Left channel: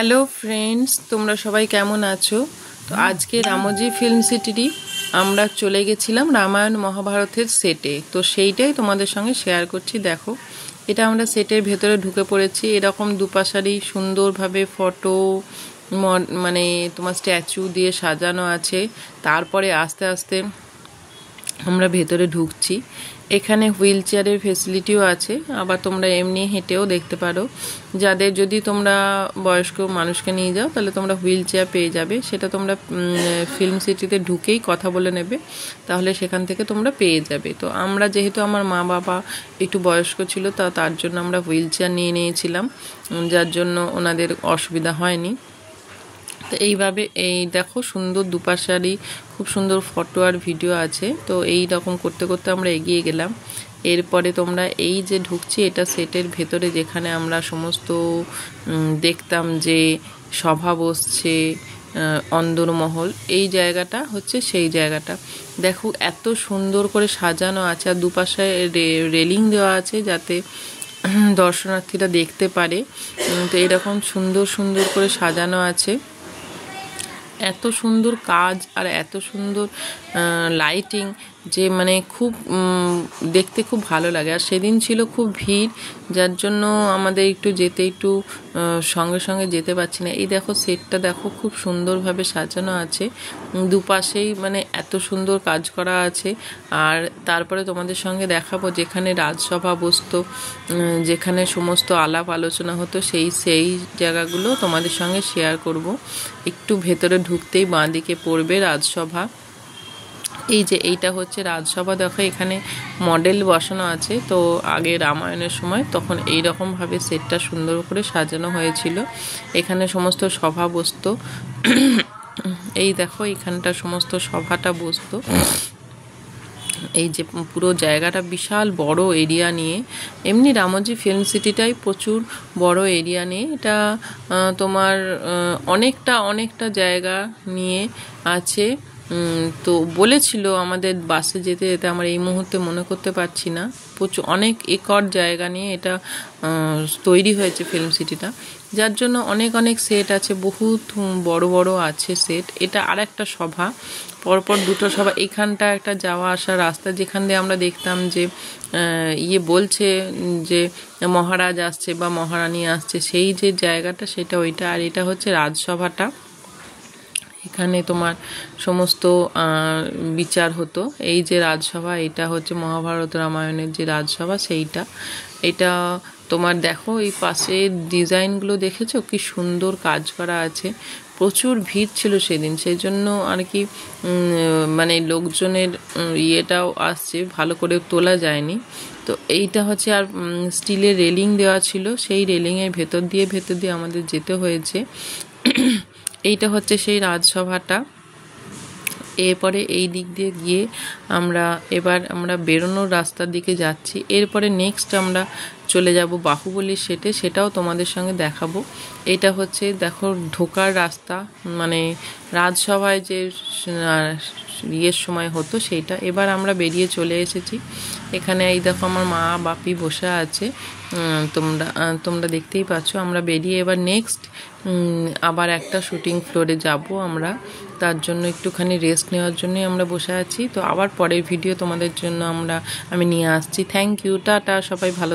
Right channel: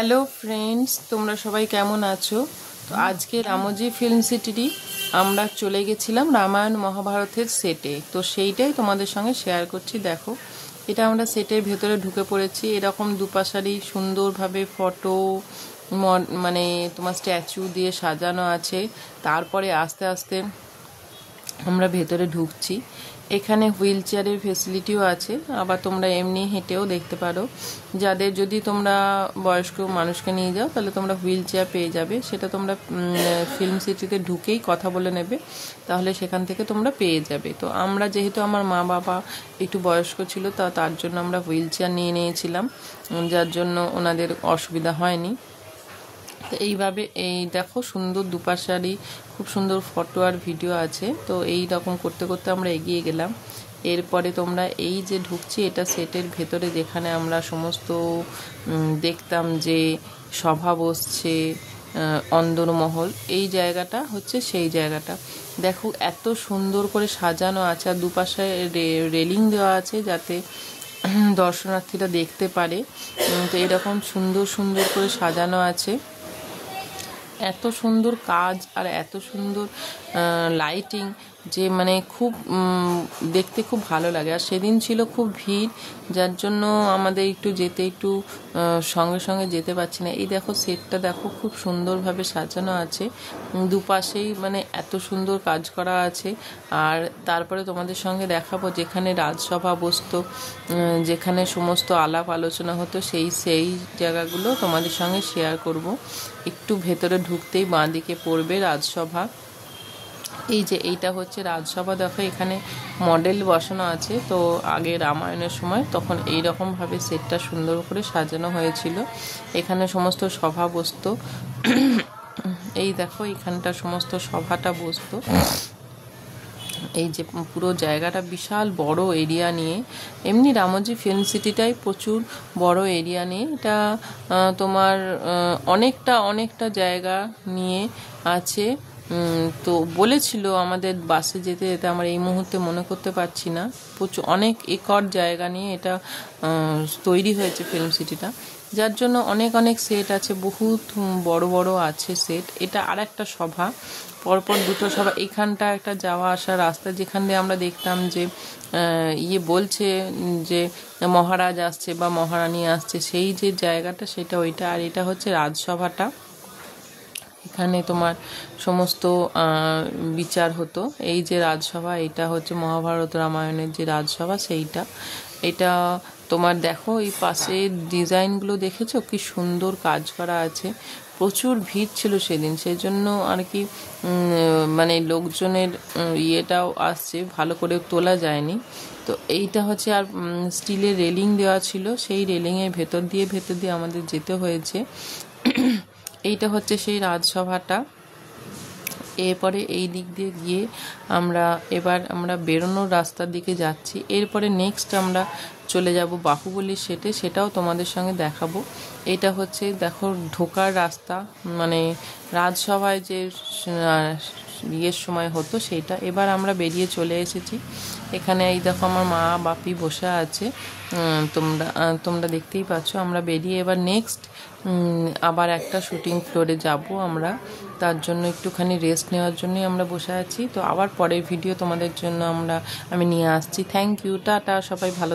Hello friends, তোমরা সবাই কেমন আছো? তো আজকে রামজি ফিল্ম সিটিরই আমরা চলে গেছিলাম রামায়ণ মহাভারতের সেটে। তো সেইটাই তোমাদের সঙ্গে শেয়ার করছি। দেখো, এটা আমরা সেটের ভেতরে ঢুকে পড়েছি। এরকম দুপাশারি সুন্দরভাবে ফটো মানে তোমার স্ট্যাচু দিয়ে সাজানো আছে। তারপরে আস্তে আস্তে আমরা ভেতরে ঢুকছি। এখানে হুইল চেয়ারের ফেসিলিটিও আছে, আবার তোমরা এমনি হেঁটেও দেখতে পারো। যাদের যদি তোমরা বয়স্ক মানুষকে নিয়ে যাও তাহলে তোমরা হুইল চেয়ার পেয়ে যাবে। সেটা তোমরা ফিল্ম সিটিতে ঢুকেই কথা বলে নেবে, তাহলে সেখান থেকে তোমরা পেয়ে যাবে। তো আমরা যেহেতু আমার মা বাবা একটু বয়স্ক ছিল, তার জন্য আমরা হুইল চেয়ার নিয়ে নিয়েছিলাম, যার জন্য ওনাদের অসুবিধা হয়নি। তো এইভাবে এই দেখো, সুন্দর দুপাশারি খুব সুন্দর ফটো আর ভিডিও আছে। তো এই রকম করতে করতে আমরা এগিয়ে গেলাম। এরপরে তোমরা এই যে ঢুকছি, এটা সেটের ভেতরে, যেখানে আমরা সমস্ত দেখতাম যে সভা বসছে, অন্দরমহল, এই জায়গাটা হচ্ছে সেই জায়গাটা। দেখো এত সুন্দর করে সাজানো আছে, আর দুপাশে রেলিং দেওয়া আছে যাতে দর্শনার্থীরা দেখতে পারে। তো এরকম সুন্দর সুন্দর করে সাজানো আছে। এত সুন্দর কাজ আর এত সুন্দর লাইটিং যে মানে খুব দেখতে খুব ভালো লাগে। আর সেদিন ছিল খুব ভিড়, যার জন্য আমাদের একটু সঙ্গে সঙ্গে যেতে পারছি না। এই দেখো সেটটা দেখো, খুব সুন্দরভাবে সাজানো আছে, দুপাশেই মানে এত সুন্দর কাজ করা আছে। আর তারপরে তোমাদের সঙ্গে দেখাবো যেখানে রাজসভা বসতো, যেখানে সমস্ত আলাপ আলোচনা হতো, সেই জায়গাগুলো তোমাদের সঙ্গে শেয়ার করব। একটু ভেতরে ঢুকতেই বাঁদিকে পড়বে রাজসভা। এই যে এইটা হচ্ছে রাজসভা। দেখো এখানে মডেল বসানো আছে। তো আগে রামায়ণের সময় তখন এই রকমভাবে সেটটা সুন্দর করে সাজানো হয়েছিল। এখানে সমস্ত সভা বসতো। এই দেখো এখানটা সমস্ত সভাটা বসতো। এই যে পুরো জায়গাটা বিশাল বড় এরিয়া নিয়ে, এমনি রামজি ফিল্ম সিটিটাই প্রচুর বড় এরিয়া নিয়ে। এটা তোমার অনেকটা জায়গা নিয়ে আছে। তো বলেছিল আমাদের বাসে যেতে যেতে, আমার এই মুহূর্তে মনে করতে পারছি না, প্রচুর অনেক একর জায়গা নিয়ে এটা তৈরি হয়েছে ফিল্ম সিটিটা, যার জন্য অনেক সেট আছে, বহুত বড় আছে সেট। এটা আর একটা সভা, পরপর দুটো সভা। এখানটা একটা যাওয়া আসা রাস্তা, যেখান দিয়ে আমরা দেখতাম যে বলছে যে মহারাজ আসছে বা মহারানী আসছে, সেই যে জায়গাটা সেটা ওইটা। আর এটা হচ্ছে রাজসভাটা, এখানে তোমার সমস্ত বিচার হতো। এই যে রাজসভা, এটা হচ্ছে মহাভারত রামায়ণের যে রাজসভা সেইটা। এটা তোমার দেখো এই পাশে ডিজাইনগুলো দেখেছো, কি সুন্দর কাজ করা আছে। প্রচুর ভিড় ছিল সেদিন, সেই জন্য আর কি মানে লোকজনের ইয়েটাও আসছে, ভালো করে তোলা যায়নি। তো এইটা হচ্ছে, আর স্টিলের রেলিং দেওয়া ছিল, সেই রেলিংয়ের ভেতর দিয়ে আমাদের যেতে হয়েছে। এইটা হচ্ছে সেই রাজসভাটা। এরপরে এই দিক দিয়ে গিয়ে এবার আমরা বেরোনোর রাস্তার দিকে যাচ্ছি। এরপরে নেক্সট আমরা চলে যাব বাহুবলীর সেটে, সেটাও তোমাদের সঙ্গে দেখাবো। এটা হচ্ছে দেখো ঢোকার রাস্তা, মানে রাজসভায় যে সময় হতো সেইটা। এবার আমরা বেরিয়ে চলে এসেছি। এখানে এই দেখো আমার মা বাপি বসে আছে, তোমরা দেখতেই পাচ্ছ। আমরা বেরিয়ে এবার নেক্সট আবার একটা শুটিং ফ্লোরে যাব আমরা, তার জন্য একটুখানি রেস্ট নেওয়ার জন্যই আমরা বসে আছি। তো আবার পরের ভিডিও তোমাদের জন্য আমি নিয়ে আসছি। থ্যাংক ইউ, টাটা, সবাই ভালো।